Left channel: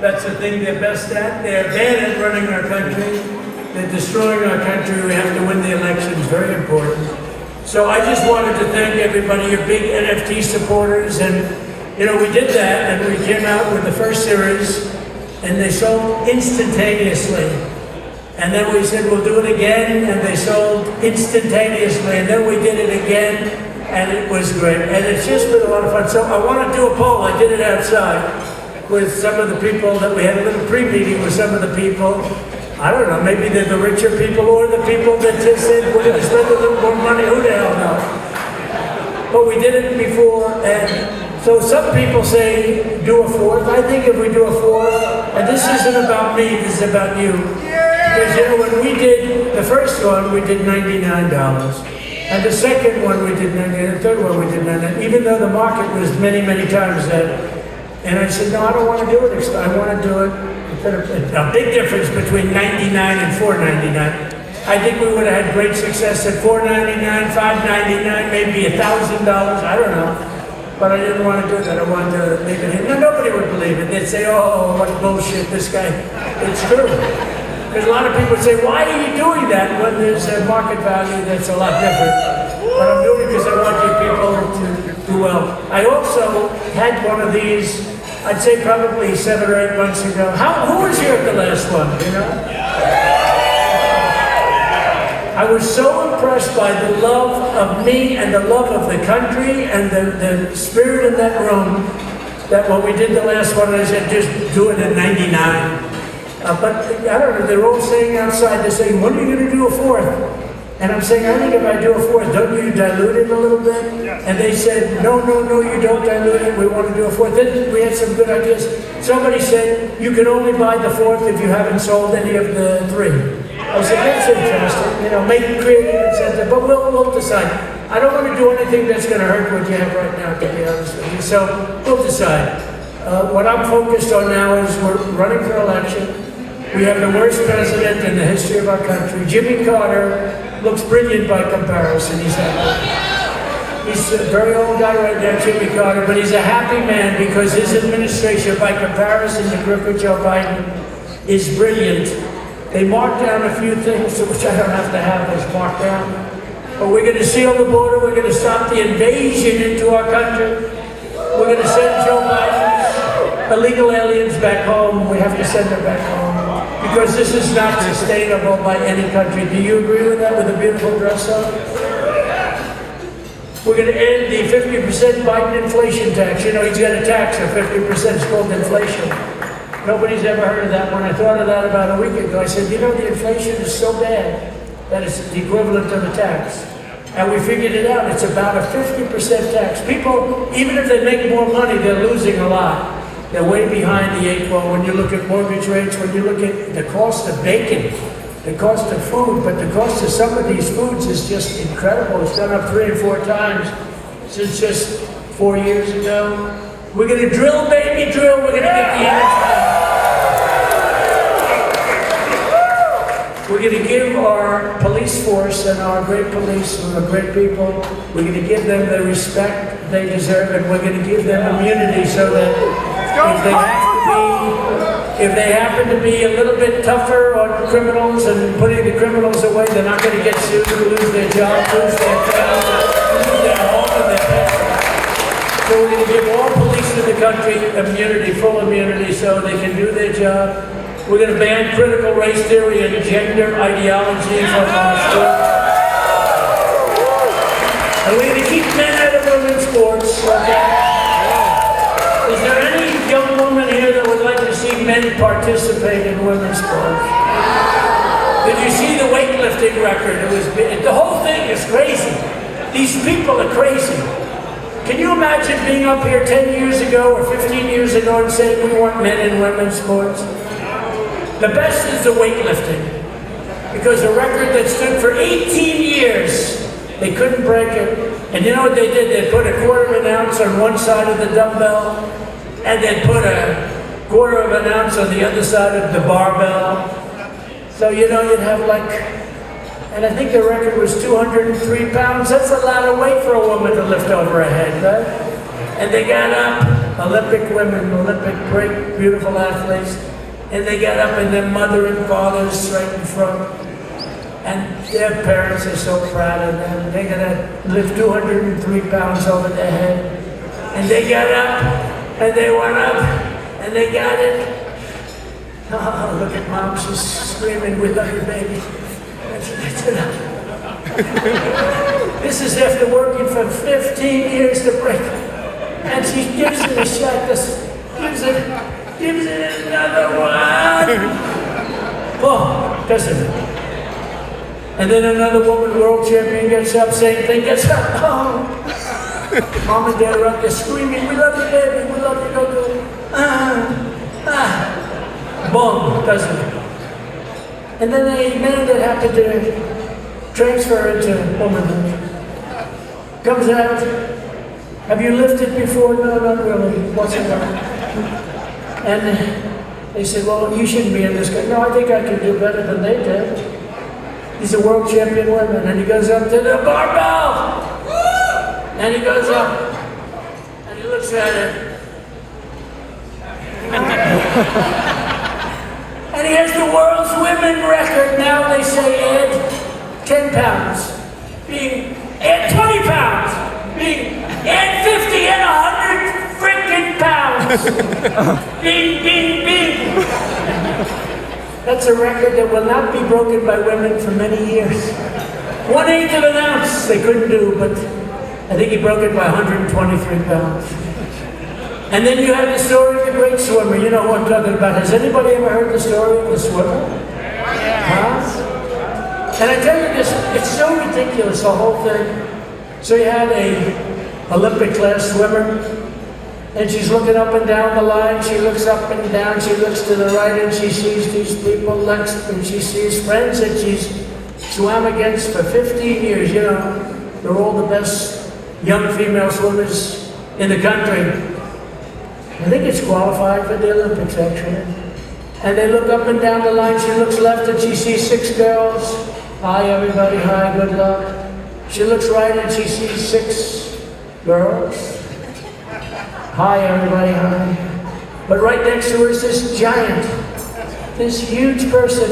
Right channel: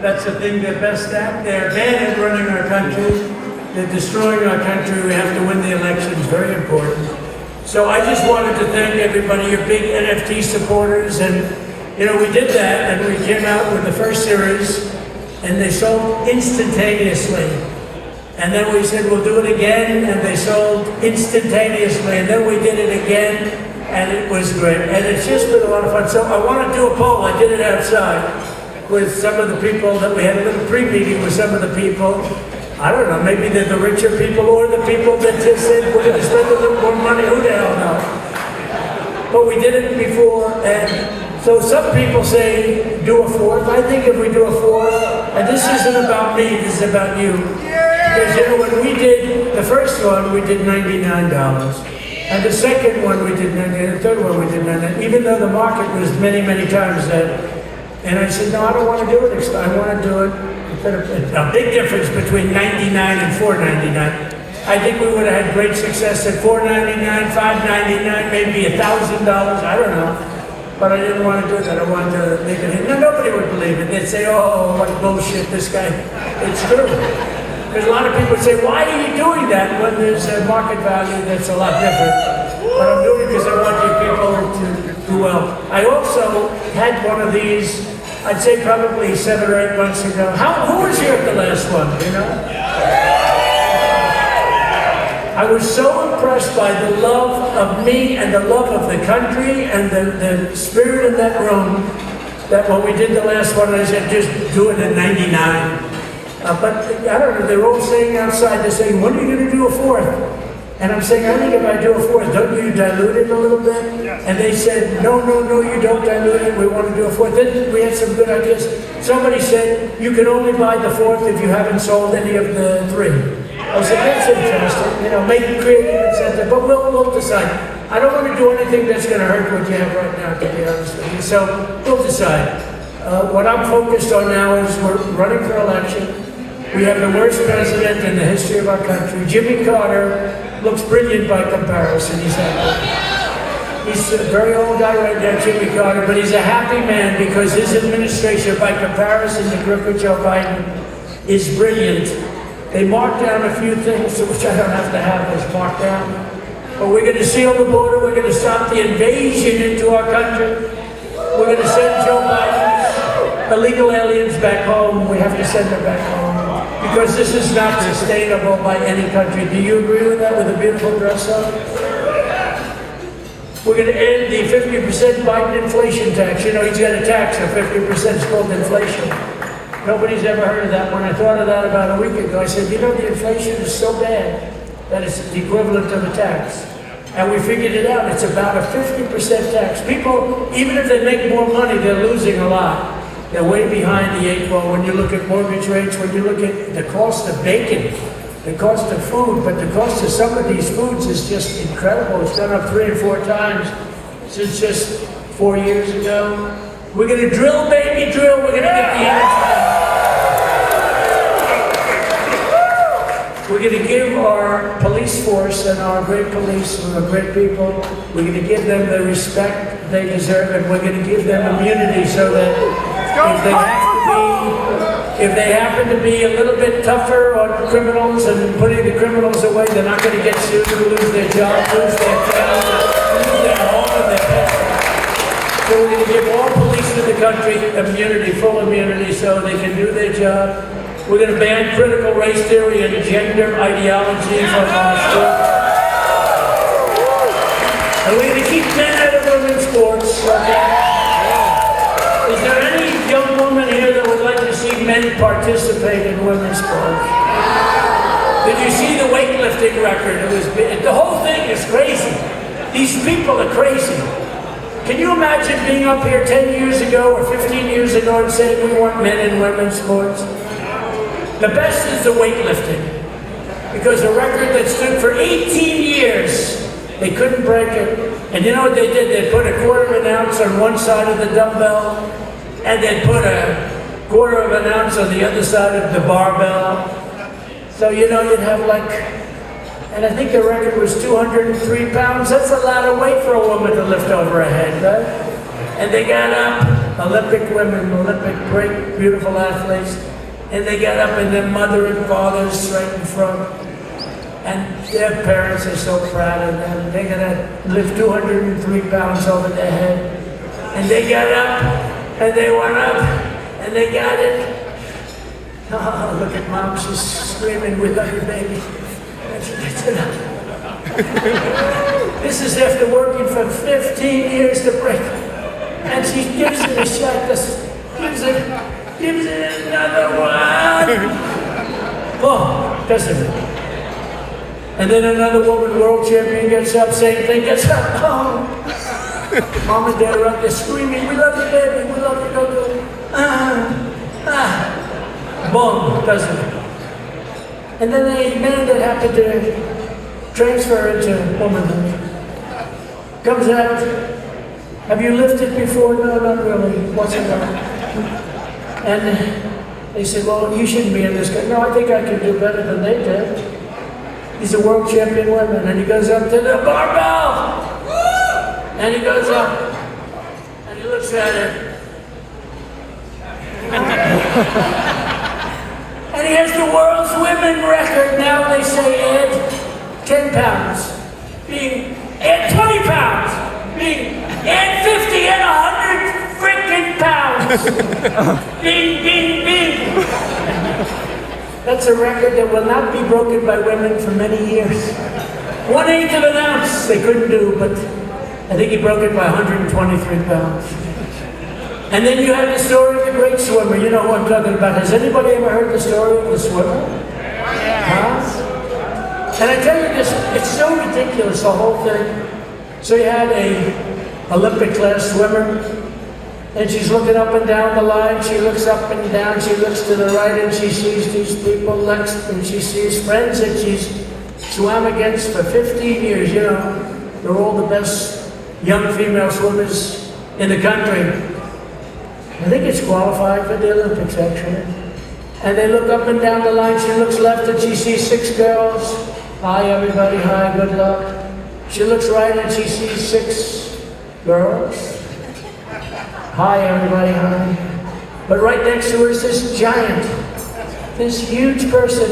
That's the thing they're best at. They're bad at running our country. They're destroying our country. We have to win the elections. Very important. So I just wanted to thank everybody, you big NFT supporters. And, you know, we did that, and we came out with the first series, and they sold instantaneously. And then we said, we'll do it again, and they sold instantaneously. And then we did it again, and it was great. And it's just been a lot of fun. So I want to do a poll. I did it outside with some of the people that we had a little pre-meeting with some of the people. I don't know, maybe they're the richer people or the people that just said, we're going to spend a little more money. Who the hell knows? But we did it before, and so some people say, do a fourth. I think if we do a fourth, and this isn't about me, this is about you. Because you know, when we did the first one, we did $99. And the second one we did $99, the third one we did $99, even though the market was many, many times that. And I said, no, I don't want to do it. I want to do it. A big difference between $99 and $4.99. I think we would have had great success at $4.99, $5.99, maybe $1,000. I don't know. But I didn't want to do that. I wanted to make it. And nobody would believe it. They'd say, oh, what bullshit, this guy. It's true. Because a lot of people say, why are you doing that when there's a market value that's a lot different? But I'm doing it because I want people to do well. I also had one of these, I'd say probably 7 or 8 months ago. Who was here at the last one, you know? I was so impressed by the love of me and the love of the country and the spirit in that room that when we did the last one, I said, just do it at 99. But I don't know, they're all sitting outside, they're saying, when are you going to do a fourth? And I'm saying, I think if I do a fourth, don't you dilute it a little bit? And they said, no, you don't dilute it, we want to do a fourth. Then we had some good ideas. Somebody said, you can only buy the fourth if you haven't sold any of the 3. I said, that's interesting, you know, make it creative incentive, but we'll decide. I don't want to do anything that's going to hurt what you have right now, to be honest with you. So we'll decide. What I'm focused on now is we're running for election. We have the worst president in the history of our country. Jimmy Carter looks brilliant by comparison. He's a very old guy right now, Jimmy Carter, but he's a happy man because his administration, by comparison to Joe Biden, is brilliant. They marked down a few things, which I don't have to have us marked down. But we're going to seal the border. We're going to stop the invasion into our country. We're going to send Joe Biden's illegal aliens back home. We have to send them back home. Because this is not sustainable by any country. Do you agree with that, with a beautiful dress up? We're going to end the 50% Biden inflation tax. You know, he's got a tax of 50%. It's called inflation. Nobody's ever heard of that one. I thought of that about a week ago. I said, you know, the inflation is so bad that it's the equivalent of a tax. And we figured it out. It's about a 50% tax. People, even if they make more money, they're losing a lot. They're way behind the 8 ball when you look at mortgage rates, when you look at the cost of bacon, the cost of food, but the cost of some of these foods is just incredible. It's gone up 3 or 4 times since just 4 years ago. We're going to drill, baby, drill. We're going to get the answer. We're going to give our police force and our great police and our great people, we're going to give them the respect they deserve, and we're going to give them immunity so that if they happen to be a little bit tougher on criminals and putting the criminals away, they're not going to get sued, lose their job, lose their job, lose their home and their pets. So we're going to give all police in the country immunity, full immunity, so they can do their job. We're going to ban critical race theory and gender ideology from our schools. And we're going to keep men out of women's sports. Okay? Is there any young woman here that would like to see men participate in women's sports? Did you see the weightlifting record? The whole thing is crazy. These people are crazy. Can you imagine being up here 10 years ago or 15 years ago and saying we want men in women's sports? The best is the weightlifting, because a record that stood for 18 years, they couldn't break it. And you know what they did? They put a quarter of an ounce on one side of the dumbbell, and they put a quarter of an ounce on the other side of the barbell. So, you know, you'd have like, and I think the record was 203 pounds. That's a lot of weight for a woman to lift over her head, right? And they got up. Olympic women, Olympic great, beautiful athletes, and they get up and their mother and father is right in front, and their parents are so proud of them. They're gonna lift 203 pounds over their head, and they get up, and they went up, and they got it. Oh, look at mom, she's screaming, we love you, baby. This is after working for 15 years to break it. And she gives it a shot, gives it another one. Oh, doesn't it? And then another woman, world champion, gets up, same thing, gets up. Oh. Mom and dad are up there screaming, we love you, baby, we love you, baby. Boom, doesn't it? And then a man that happened to transfer into womanhood comes out, have you lifted before? No, not really. What's it about? And they said, well, you shouldn't be in this country. No, I think I can do better than they did. He's a world champion woman, and he goes up to the barbell! And he goes up, and he looks at it. And he has the world's women record. Now they say add 10 pounds, add 20 pounds, add 50 and 100 freaking pounds. Bing, bing, bing. That's a record that will not be broken by women for many years. 1/8 of an ounce they couldn't do, but I think he broke it by 123 pounds. And then you had the story of the great swimmer. You know who I'm talking about. Has anybody ever heard the story of the swimmer? Huh? And I tell you this, it's so ridiculous, the whole thing. So you had a Olympic class swimmer, and she's looking up and down the line. She looks up and down, she looks to the right, and she sees these people next, and she sees friends that she's swam against for 15 years. You know, they're all the best young female swimmers in the country. I think it's qualified for the Olympics, actually. And they look up and down the line. She looks left and she sees 6 girls. Hi, everybody. Hi, good luck. She looks right and she sees 6 girls. Hi, everybody. Hi. But right next to her is this giant, this huge person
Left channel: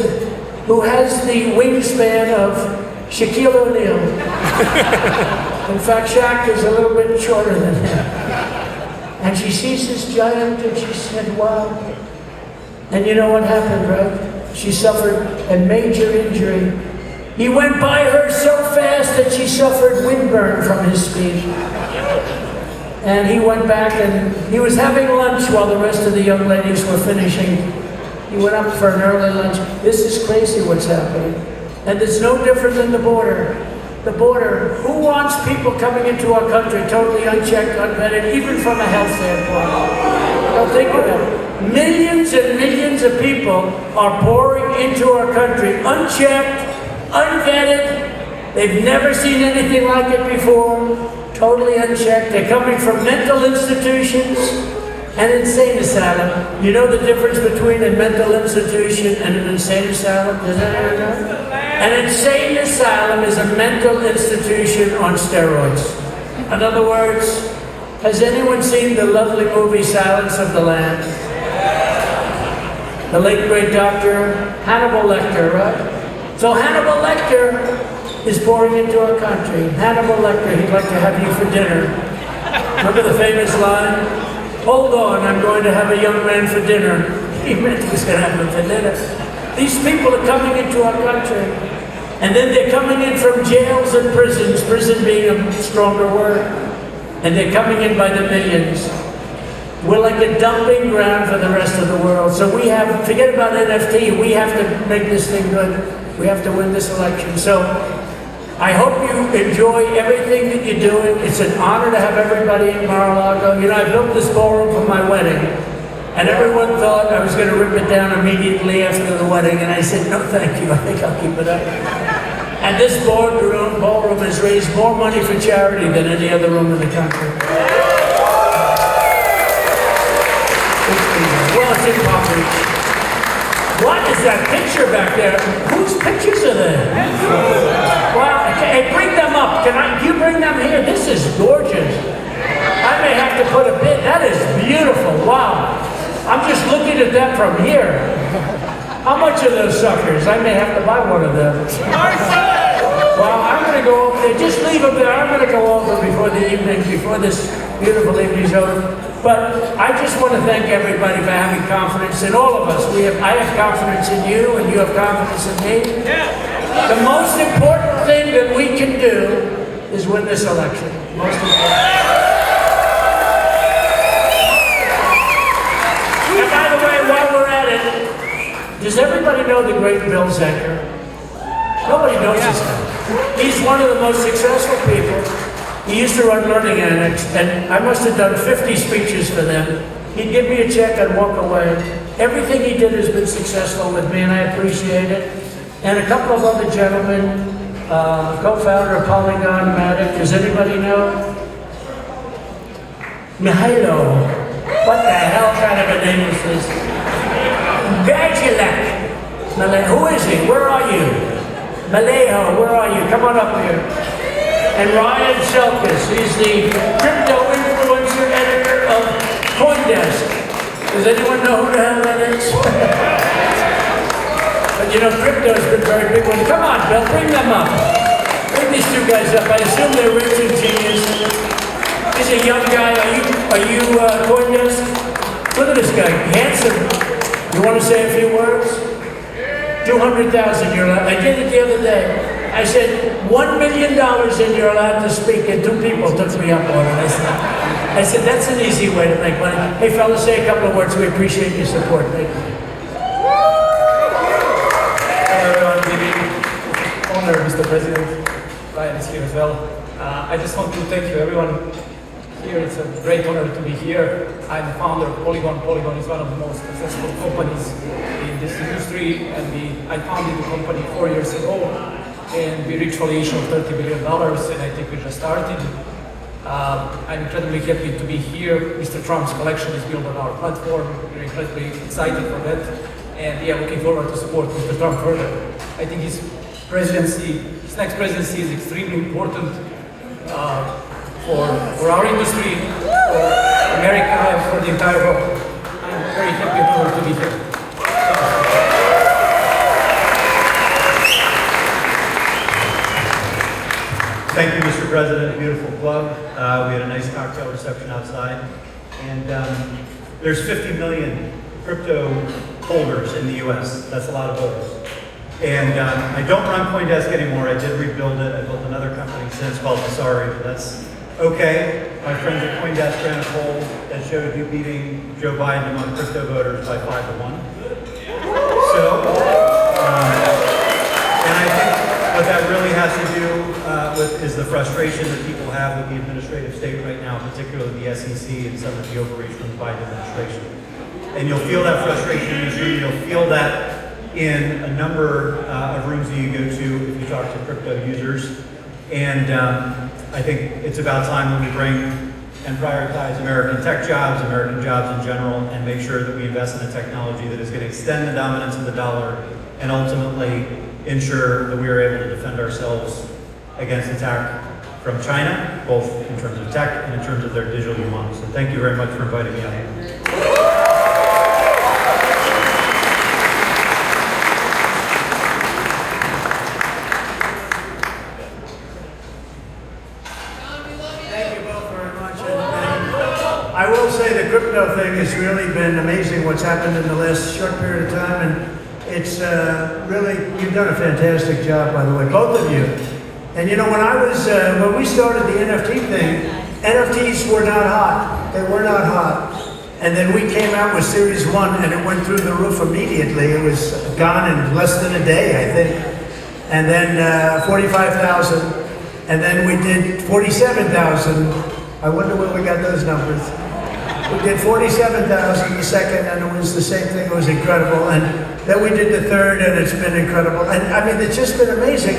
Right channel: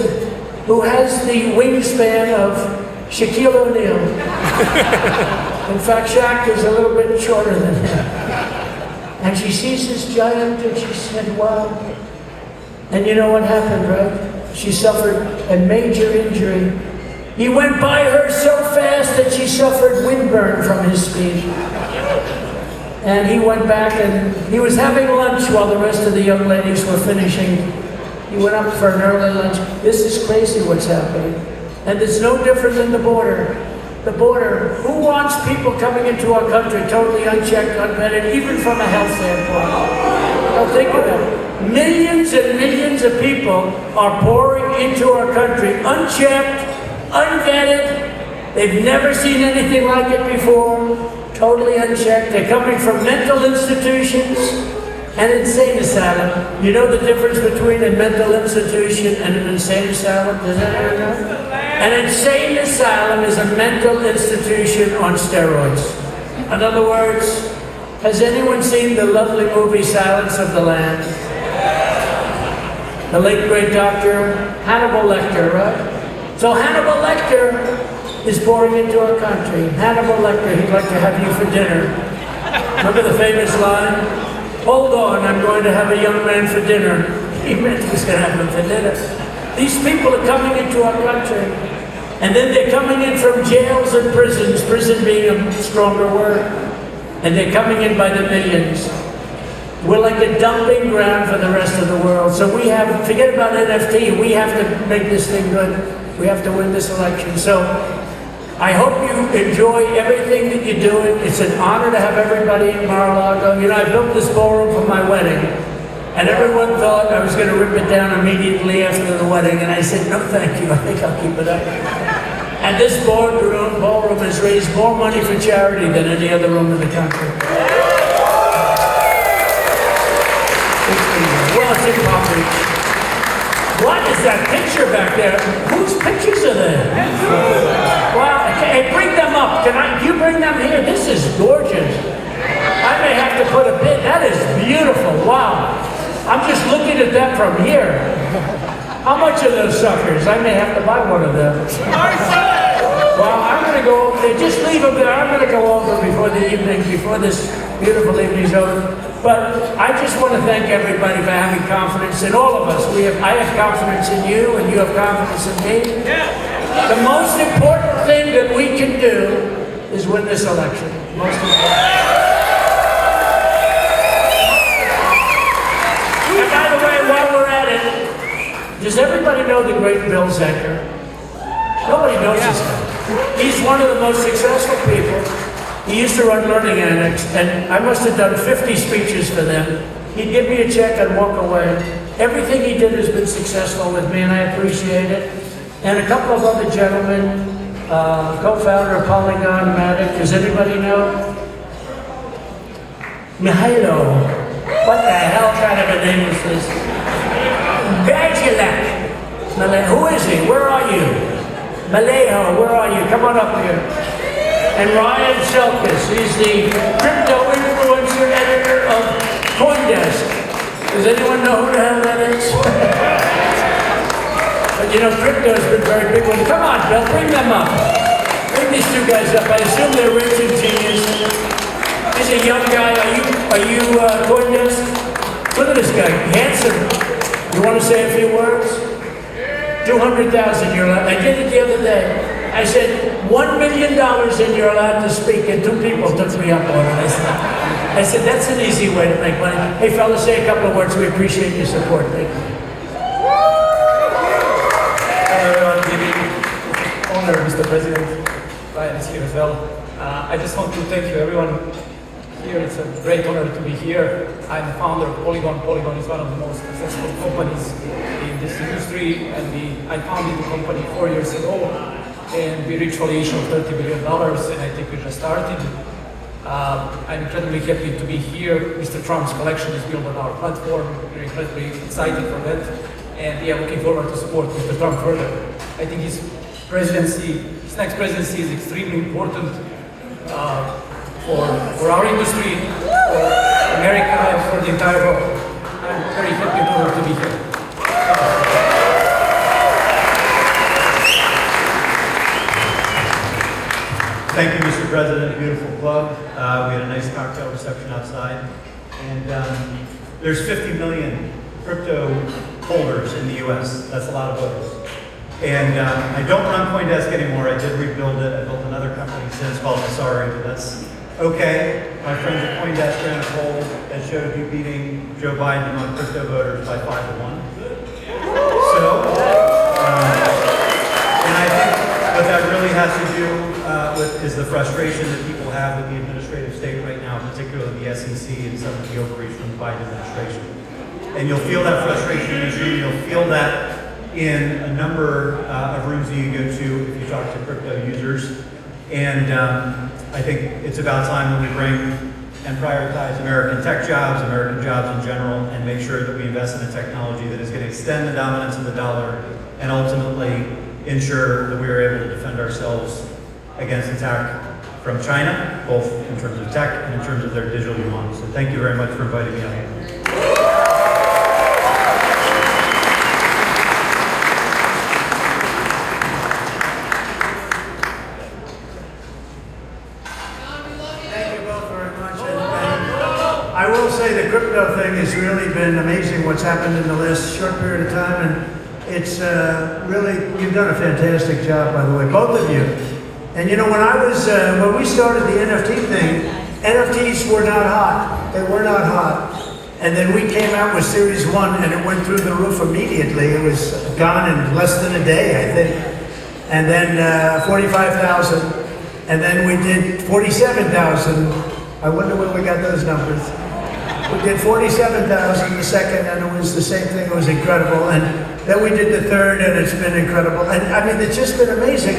who has the wingspan of Shaquille O'Neal. In fact, Shaq was a little bit shorter than him. And she sees this giant and she said, wow. And you know what happened, right? She suffered a major injury. He went by her so fast that she suffered windburn from his speed. And he went back and he was having lunch while the rest of the young ladies were finishing. He went up for an early lunch. This is crazy what's happening. And it's no different than the border. The border, who wants people coming into our country totally unchecked, unvetted, even from a health standpoint? Well, think of it. Millions and millions of people are pouring into our country unchecked, unvetted. They've never seen anything like it before, totally unchecked. They're coming from mental institutions and insane asylum. You know the difference between a mental institution and an insane asylum? Does anyone know? An insane asylum is a mental institution on steroids. In other words, has anyone seen the lovely movie Silence of the Lambs? The late great Dr. Hannibal Lecter, right? So Hannibal Lecter is pouring into our country. Hannibal Lecter, he'd like to have you for dinner. Look at the famous line, hold on, I'm going to have a young man for dinner. He meant he was going to have him for dinner. These people are coming into our country, and then they're coming in from jails and prisons, prison being a stronger word, and they're coming in by the millions. We're like a dumping ground for the rest of the world. So we have, forget about NFT, we have to make this thing good. We have to win this election. So I hope you enjoy everything that you're doing. It's an honor to have everybody at Mar-a-Lago. You know, I built this ballroom for my wedding. And everyone thought I was going to rip it down immediately after the wedding, and I said, no, thank you, I think I'll keep it up. And this ballroom has raised more money for charity than any other room in the country. What is that picture back there? Whose pictures are there? Wow, okay, bring them up. Can you bring them here? This is gorgeous. I may have to put a bid. That is beautiful. Wow. I'm just looking at that from here. How much are those suckers? I may have to buy one of them. Well, I'm going to go over there. Just leave them there. I'm going to go over before the evening, before this beautiful evening's over. But I just want to thank everybody for having confidence in all of us. I have confidence in you, and you have confidence in me. The most important thing that we can do is win this election. Most important. And by the way, while we're at it, does everybody know the great Bill Zecker? Nobody knows this guy. He's one of the most successful people. He used to run Learning Annex, and I must have done 50 speeches for them. He'd give me a check and walk away. Everything he did has been successful with me, and I appreciate it. And a couple of other gentlemen, co-founder of Polygon Matic. Does anybody know? Mihailo. What the hell kind of a name is this? Gajulak. Who is he? Where are you? Malejo, where are you? Come on up here. And Ryan Selkis, he's the crypto influencer editor of CoinDesk. Does anyone know who the hell that is? But you know, crypto's been very big one. Come on, Bill, bring them up. Bring these two guys up. I assume they're rich and genius. He's a young guy. Are you CoinDesk? Look at this guy, handsome. You want to say a few words? 200,000 you're allowed. I did it the other day. I said, $1 million and you're allowed to speak, and two people took me up on it. I said, that's an easy way to make money. Hey, fellas, say a couple of words. We appreciate your support. Thank you. Honor, Mr. President. Ryan is here as well. I just want to thank you, everyone here. It's a great honor to be here. I'm the founder of Polygon. Polygon is one of the most successful companies in this industry, and I founded the company 4 years ago, and we reached valuation of $30 billion, and I think we just started. I'm incredibly happy to be here. Mr. Trump's collection is built on our platform. We're incredibly excited for that, and we are looking forward to support Mr. Trump further. I think his next presidency is extremely important for our industry, for America, and for the entire world. I'm very happy to be here. Thank you, Mr. President. A beautiful plug. We had a nice cocktail reception outside. And there's 50 million crypto holders in the U.S. That's a lot of voters. And I don't run CoinDesk anymore. I did rebuild it. I built another company since called Sorry, but that's okay. My friends at CoinDesk ran a poll that showed you beating Joe Biden among crypto voters by 5-1. So, and I think what that really has to do with is the frustration that people have with the administrative state right now, particularly the SEC and some of the overreach from the Biden administration. And you'll feel that frustration in this room. You'll feel that in a number of rooms that you go to if you talk to crypto users. And I think it's about time that we bring and prioritize American tech jobs, American jobs in general, and make sure that we invest in a technology that is going to extend the dominance of the dollar and ultimately ensure that we are able to defend ourselves against attack from China, both in terms of tech and in terms of their digital yuan. So thank you very much for inviting me out. I will say the crypto thing has really been amazing what's happened in the last short period of time, and it's really, you've done a fantastic job, by the way, both of you. And you know, when we started the NFT thing, NFTs were not hot. They were not hot. And then we came out with Series 1, and it went through the roof immediately. It was gone in less than a day, I think. And then 45,000, and then we did 47,000. I wonder where we got those numbers. We did 47,000 the second, and it was the same thing. It was incredible. And then we did the third, and it's been incredible. And I mean, it's just been amazing.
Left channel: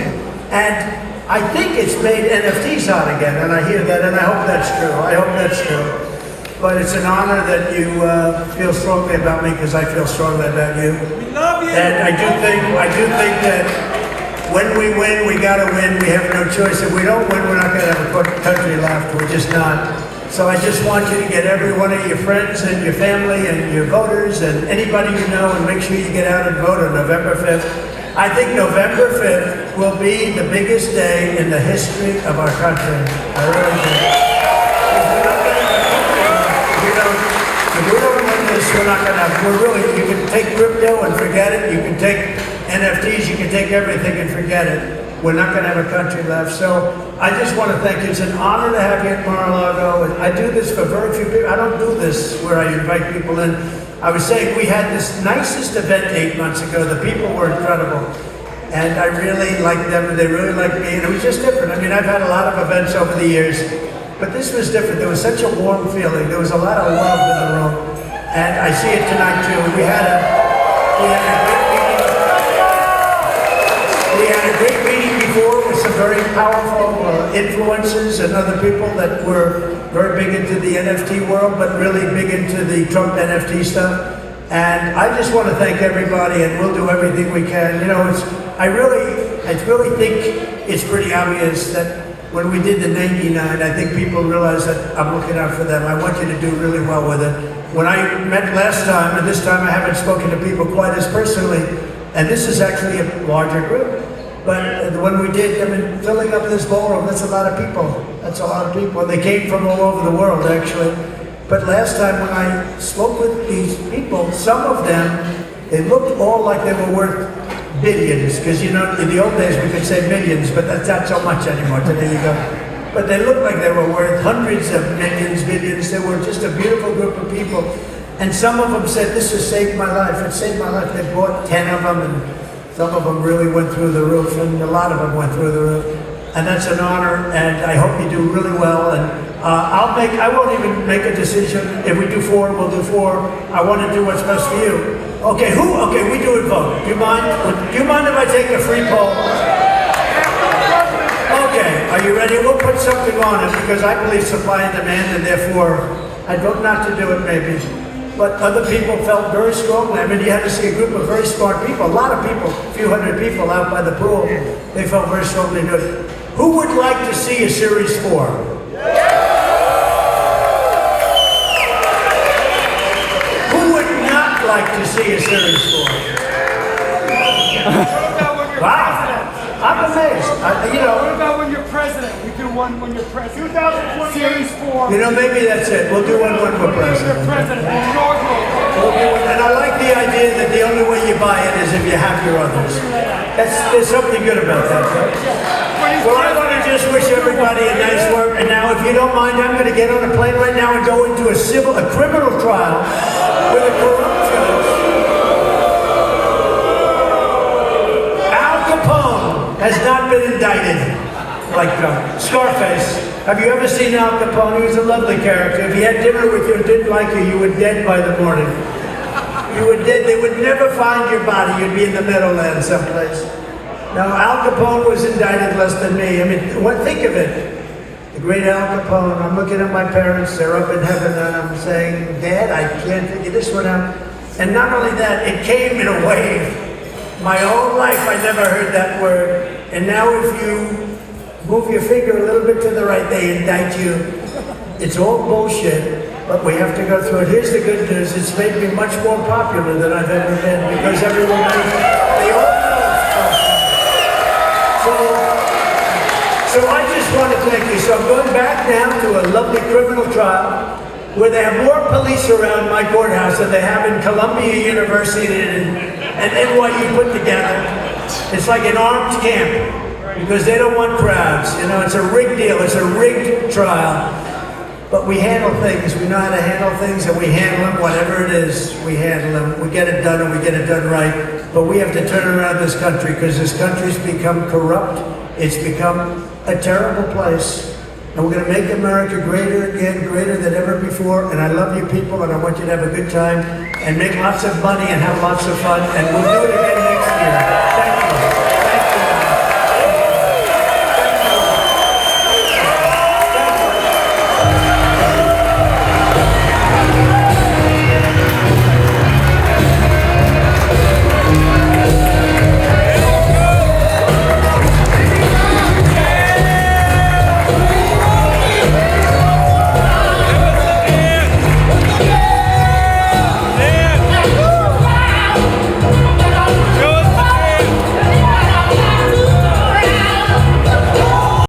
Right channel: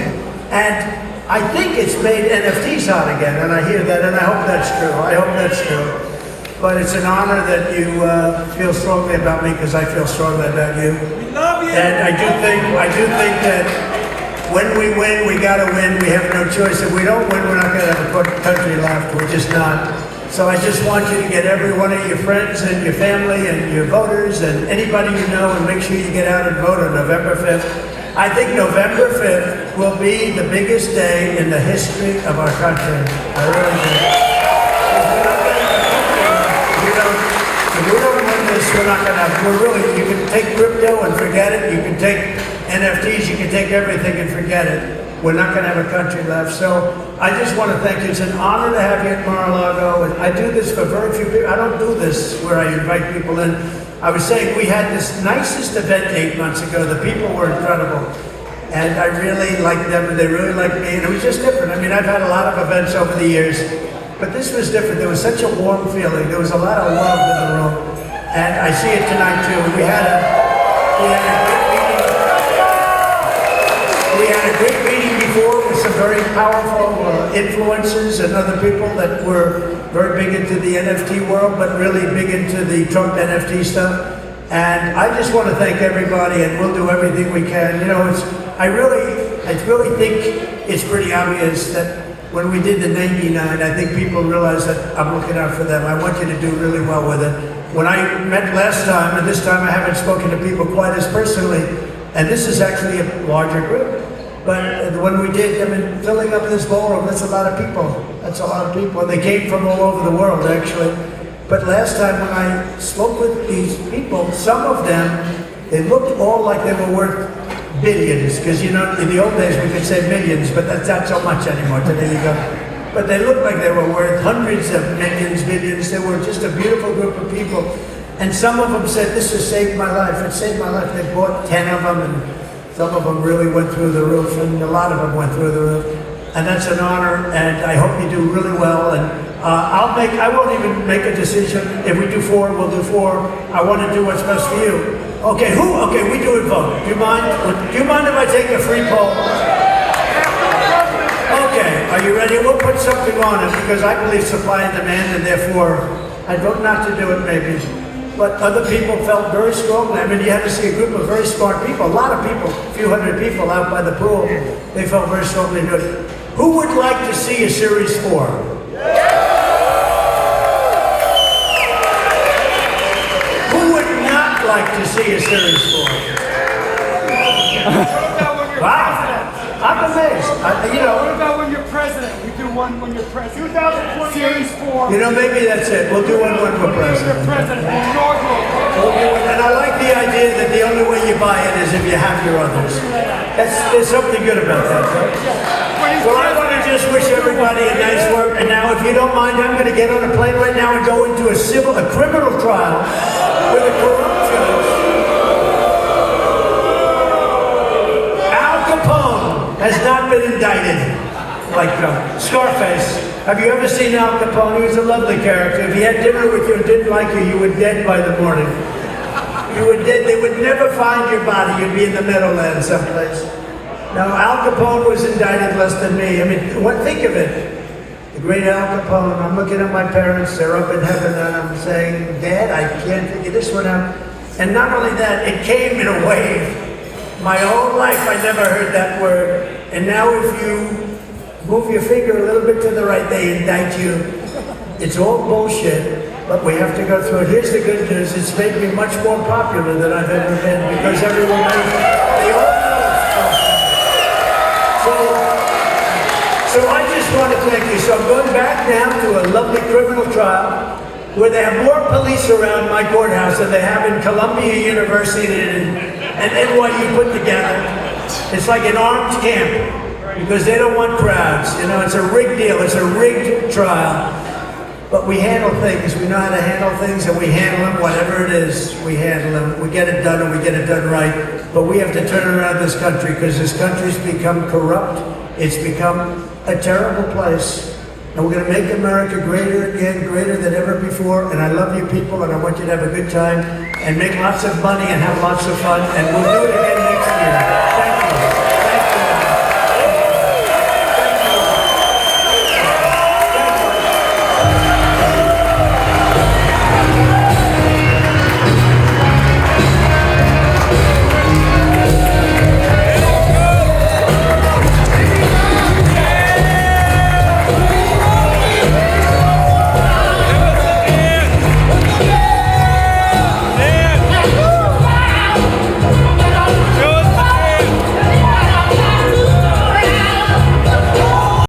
And I think it's made NFTs hot again, and I hear that, and I hope that's true. I hope that's true. But it's an honor that you feel strongly about me, because I feel strongly about you. And I do think that when we win, we gotta win. We have no choice. If we don't win, we're not gonna have a country left. We're just not. So I just want you to get every one of your friends and your family and your voters and anybody you know, and make sure you get out and vote on November 5th. I think November 5th will be the biggest day in the history of our country. I really do. If we don't win this, we're not going to. We're really, you can take crypto and forget it. You can take NFTs, you can take everything and forget it. We're not going to have a country left. So I just want to thank you. It's an honor to have you at Mar-a-Lago. I do this for very few people. I don't do this where I invite people in. I was saying we had this nicest event 8 months ago. The people were incredible. And I really liked them. They really liked me. And it was just different. I mean, I've had a lot of events over the years. But this was different. There was such a warm feeling. There was a lot of love in the room. And I see it tonight too. We had a great meeting before with some very powerful influencers and other people that were very big into the NFT world, but really big into the Trump NFT stuff. And I just want to thank everybody, and we'll do everything we can. You know, I really think it's pretty obvious that when we did the naming night, I think people realize that I'm looking out for them. I want you to do really well with it. When I met last time, and this time I haven't spoken to people quite as personally, and this is actually a larger group. But when we did, I mean, filling up this ballroom, that's a lot of people. That's a lot of people. They came from all over the world, actually. But last time when I spoke with these people, some of them, they looked all like they were worth billions, because you know, in the old days we could say millions, but that's not so much anymore. But there you go. But they looked like they were worth hundreds of millions, billions. They were just a beautiful group of people. And some of them said, "This has saved my life. It saved my life." They bought 10 of them, and some of them really went through the roof, and a lot of them went through the roof. And that's an honor, and I hope you do really well. And I won't even make a decision. If we do 4, we'll do 4. I want to do what's best for you. Okay, Okay, we do it vote. Do you mind? Do you mind if I take a free poll? Okay, are you ready? We'll put something on it because I believe supply and demand, and therefore I'd vote not to do it maybe. But other people felt very strongly. I mean, you have to see a group of very smart people, a lot of people, a few hundred people out by the pool. They felt very strongly to it. Who would like to see a Series 4? Like to see a Series 4. Wow, I'm amazed. What about when you're president? We do one when you're president. 2020 Series 4. You know, maybe that's it. We'll do one when we're president. You're president. Inaugural. And I like the idea that the only way you buy it is if you have your others. There's something good about that, right? Well, I want to just wish everybody a nice work. And now, if you don't mind, I'm going to get on the plane right now and go into a criminal trial with a corruption. Al Capone has not been indicted like Scarface. Have you ever seen Al Capone? He was a lovely character. If he had dinner with you and didn't like you, you were dead by the morning. You were dead. They would never find your body. You'd be in the Meadowlands someplace. Now, Al Capone was indicted less than me. I mean, think of it. The great Al Capone. I'm looking at my parents. They're up in heaven, and I'm saying, Dad, I can't figure this one out. And not only that, it came in a wave. My whole life, I never heard that word. And now if you move your finger a little bit to the right, they indict you. It's all bullshit, but we have to go through it. Here's the good news. It's made me much more popular than I've ever been because everyone knows they all know. So I just want to thank you. So I'm going back now to a lovely criminal trial where they have more police around my courthouse than they have in Columbia University and NYU put together. It's like an armed camp because they don't want crowds. You know, it's a rigged deal. It's a rigged trial. But we handle things. We know how to handle things, and we handle it. Whatever it is, we handle it. We get it done, and we get it done right. But we have to turn around this country because this country's become corrupt. It's become a terrible place. And we're going to make America greater again, greater than ever before. And I love you people, and I want you to have a good time and make lots of money and have lots of fun. And we'll do it again next year.